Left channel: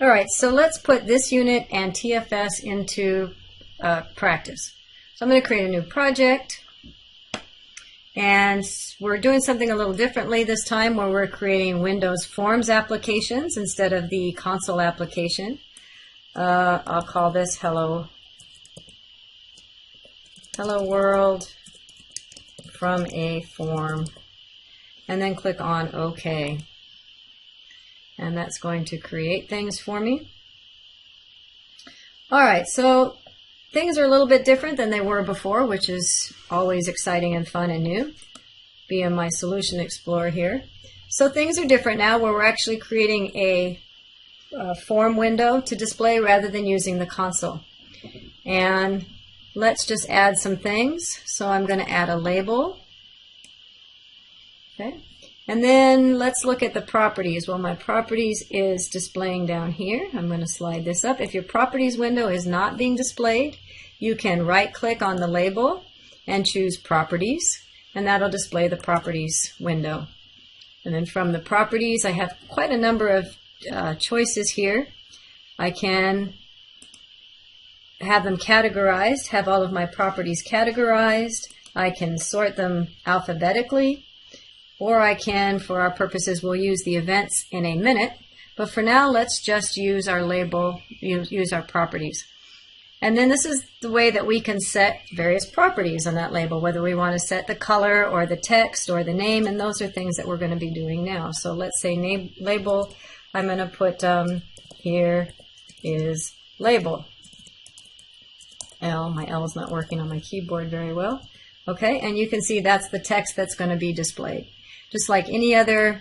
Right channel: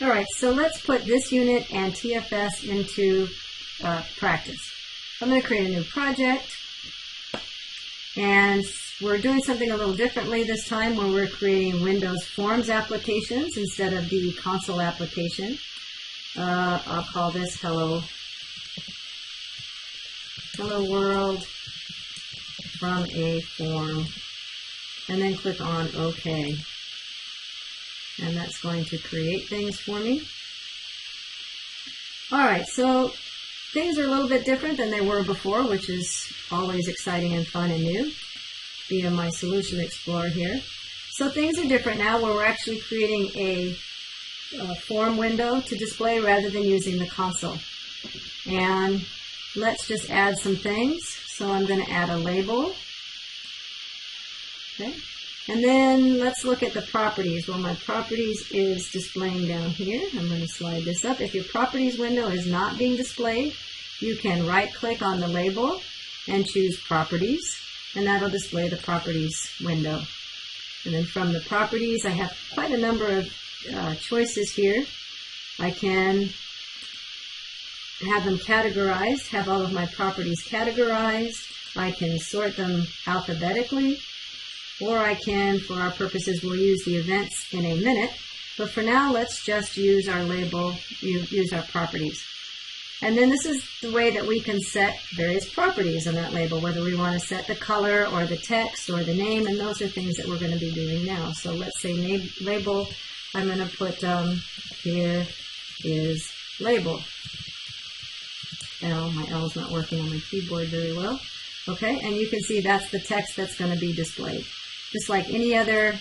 All right, so let's put this unit and TFS into practice. So I'm going to create a new project, and we're doing something a little differently this time, where we're creating Windows Forms applications instead of the console application. I'll call this Hello World from a Form, and then click on OK. And that's going to create things for me. All right, so things are a little bit different than they were before, which is always exciting and fun and new, via my Solution Explorer here. So things are different now, where we're actually creating a form window to display rather than using the console. And let's just add some things. So I'm going to add a label. Okay. And then let's look at the properties. Well, my properties is displaying down here. I'm going to slide this up. If your properties window is not being displayed, you can right-click on the label and choose properties, and that'll display the properties window. And then from the properties, I have quite a number of choices here. I can have them categorized, have all of my properties categorized. I can sort them alphabetically. Or I can, for our purposes, we'll use the events in a minute. But for now, let's just use our label, use our properties. And then this is the way that we can set various properties on that label, whether we want to set the color or the text or the name, and those are things that we're going to be doing now. So let's say name, label, I'm going to put here is label. L, my L is not working on my keyboard very well. Okay, and you can see that's the text that's going to be displayed. Just like any other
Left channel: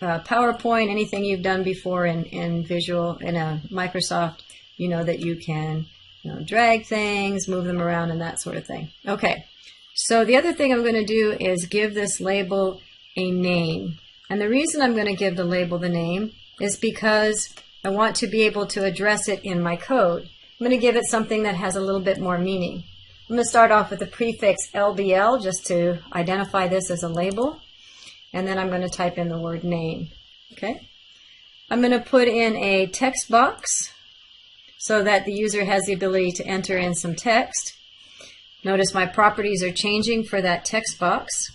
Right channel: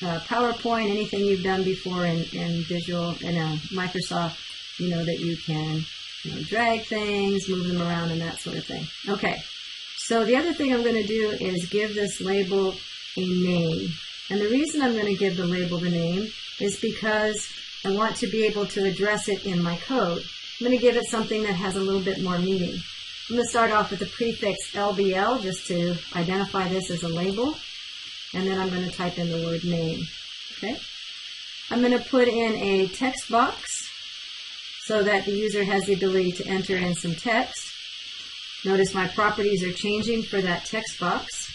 PowerPoint, anything you've done before in Visual, in Microsoft, you know that you can drag things, move them around, and that sort of thing. Okay, so the other thing I'm going to do is give this label a name. And the reason I'm going to give the label the name is because I want to be able to address it in my code. I'm going to give it something that has a little bit more meaning. I'm going to start off with the prefix LBL just to identify this as a label. And then I'm going to type in the word name. Okay. I'm going to put in a text box so that the user has the ability to enter in some text. Notice my properties are changing for that text box.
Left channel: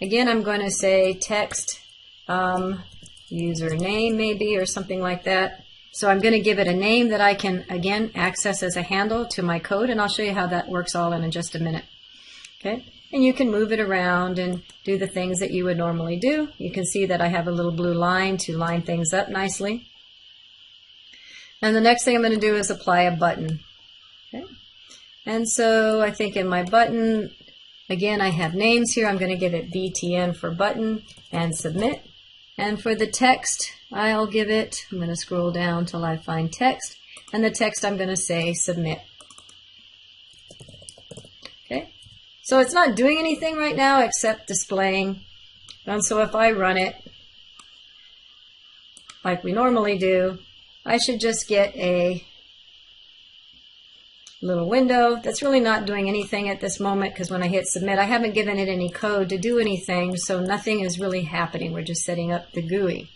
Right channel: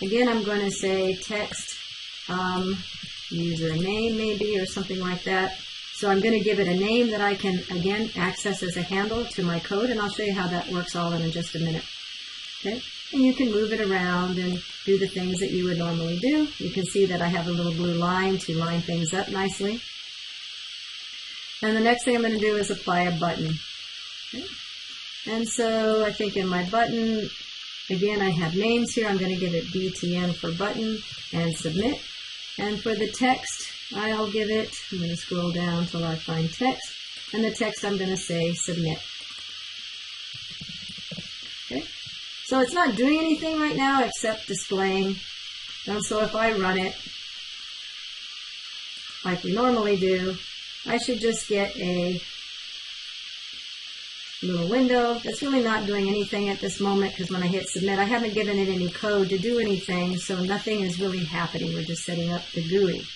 Again, I'm going to say text username maybe, or something like that. So I'm going to give it a name that I can, again, access as a handle to my code, and I'll show you how that works all in just a minute. Okay, and you can move it around and do the things that you would normally do. You can see that I have a little blue line to line things up nicely. And the next thing I'm going to do is apply a button. Okay, and so I think in my button, again, I have names here. I'm going to give it BTN for button and submit. And for the text, I'll give it, I'm going to scroll down until I find text, and the text I'm going to say submit. Okay, so it's not doing anything right now except displaying. And so if I run it like we normally do, I should just get a little window that's really not doing anything at this moment, because when I hit submit, I haven't given it any code to do anything, so nothing is really happening. We're just setting up the GUI.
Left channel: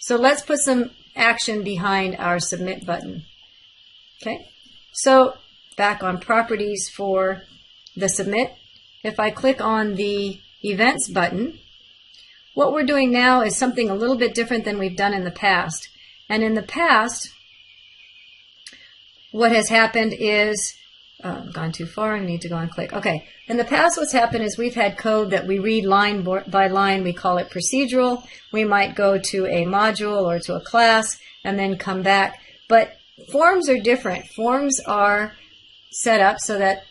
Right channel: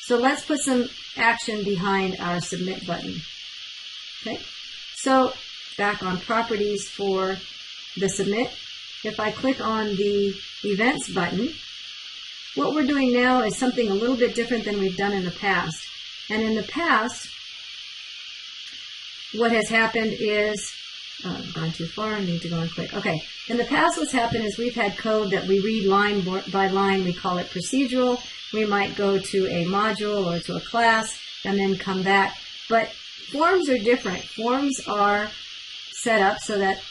So let's put some action behind our submit button. Okay, so back on properties for the submit, if I click on the events button, what we're doing now is something a little bit different than we've done in the past. And in the past, what has happened is, I've gone too far, I need to go and click. Okay, in the past what's happened is we've had code that we read line by line. We call it procedural. We might go to a module or to a class and then come back. But forms are different. Forms are set up so that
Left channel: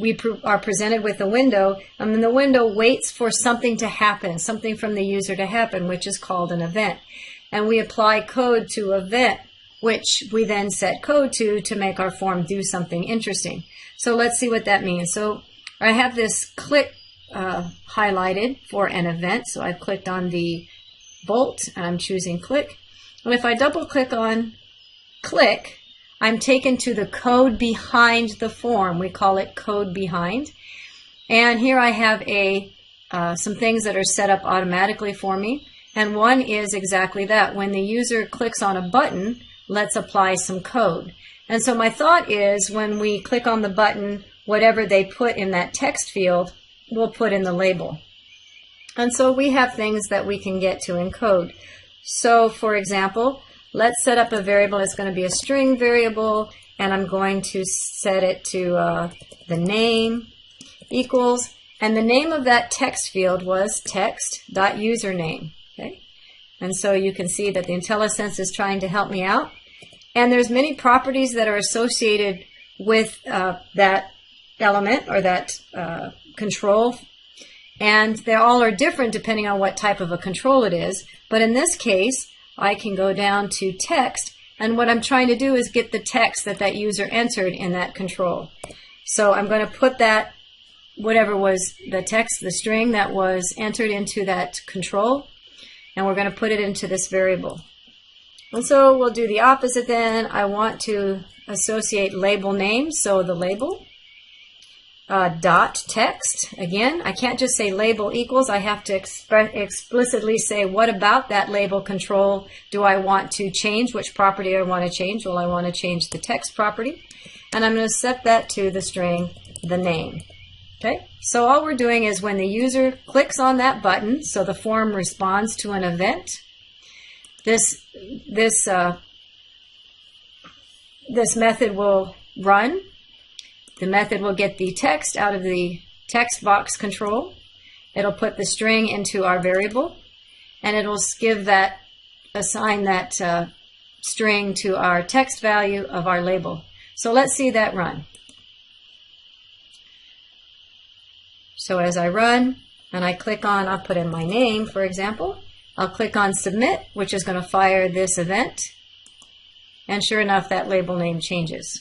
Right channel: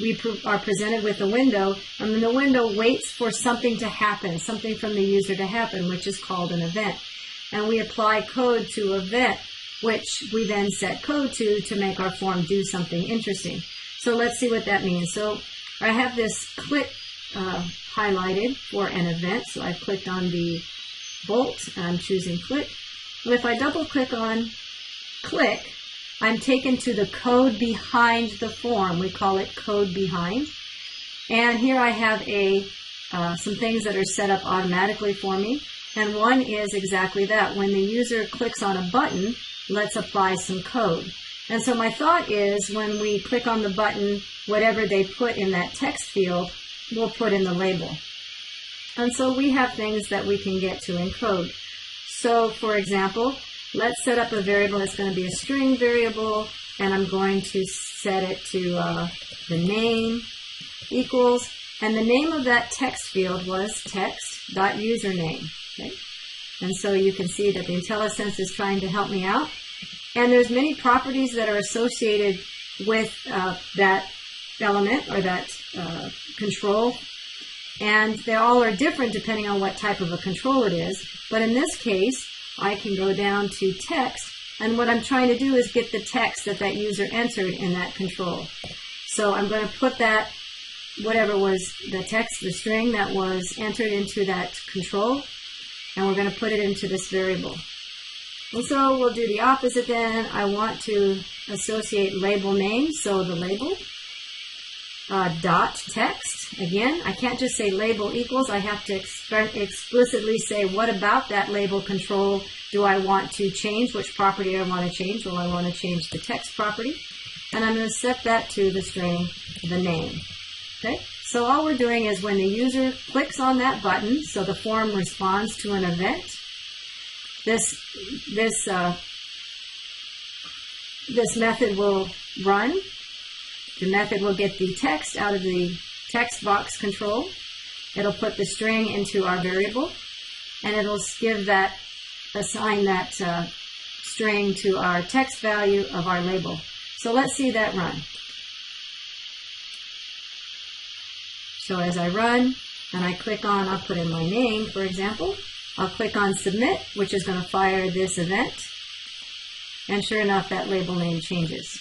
we are presented with a window, and then the window waits for something to happen, something from the user to happen, which is called an event. And we apply code to event, which we then set code to make our form do something interesting. So let's see what that means. So I have this click highlighted for an event. So I've clicked on the bolt and I'm choosing click. And if I double click on click, I'm taken to the code behind the form. We call it code behind. And here I have some things that are set up automatically for me. And one is exactly that. When the user clicks on a button, let's apply some code. And so my thought is when we click on the button, whatever they put in that text field, we'll put in the label. And so we have things that we can get to in code. So for example, let's set up a variable that's going to be a string variable, and I'm going to set it to the name equals, and the name of that text field was text.username. Okay? And so you can see that the IntelliSense is trying to help me out. And there's many properties that are associated with that element or that control. And they all are different depending on what type of a control it is. But in this case, I can go down to text. And what I'm trying to do is get the text that that user entered in that control. So I'm going to put that, whatever was the text, the string that was entered into that control, and we're going to put it into this variable. And so we'll do the opposite then. I want to associate label name, so the label dot text. Again, I can't just say label equals. I have to explicitly say what about that label control do I want to change, which property I want to change. Well, I want to change the text property, and I'm going to set that to the string the name. Okay, so all we're doing is when the user clicks on that button, so the form responds to an event, this method will run. The method will get the text out of the text box control. It'll put the string into our variable, and it'll assign that string to our text value of our label. So let's see that run. So as I run and I click on, I'll put in my name, for example. I'll click on submit, which is going to fire this event. And sure enough, that label name changes.